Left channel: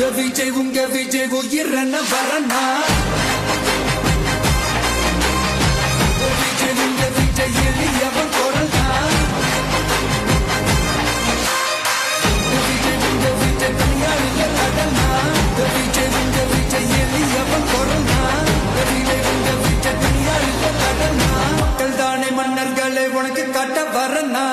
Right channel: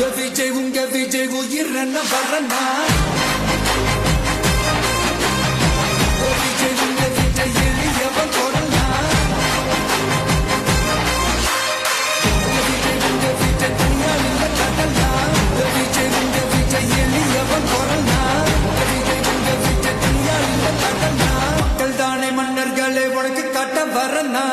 உங்க விஜய் உயிரன வரனா விஜய் உங்க விஜய் எளியவன் கொடலா விஜய் உங்க விஜய் தனியாள் இல்ல கடலா விஜய் உங்க விஜய் எளியவன் கொடலா விஜய் உங்க விஜய் தனியாள் இல்ல கடலா மக்கள் தானே மன்னர்களே உனக்கு காட்ட வரனா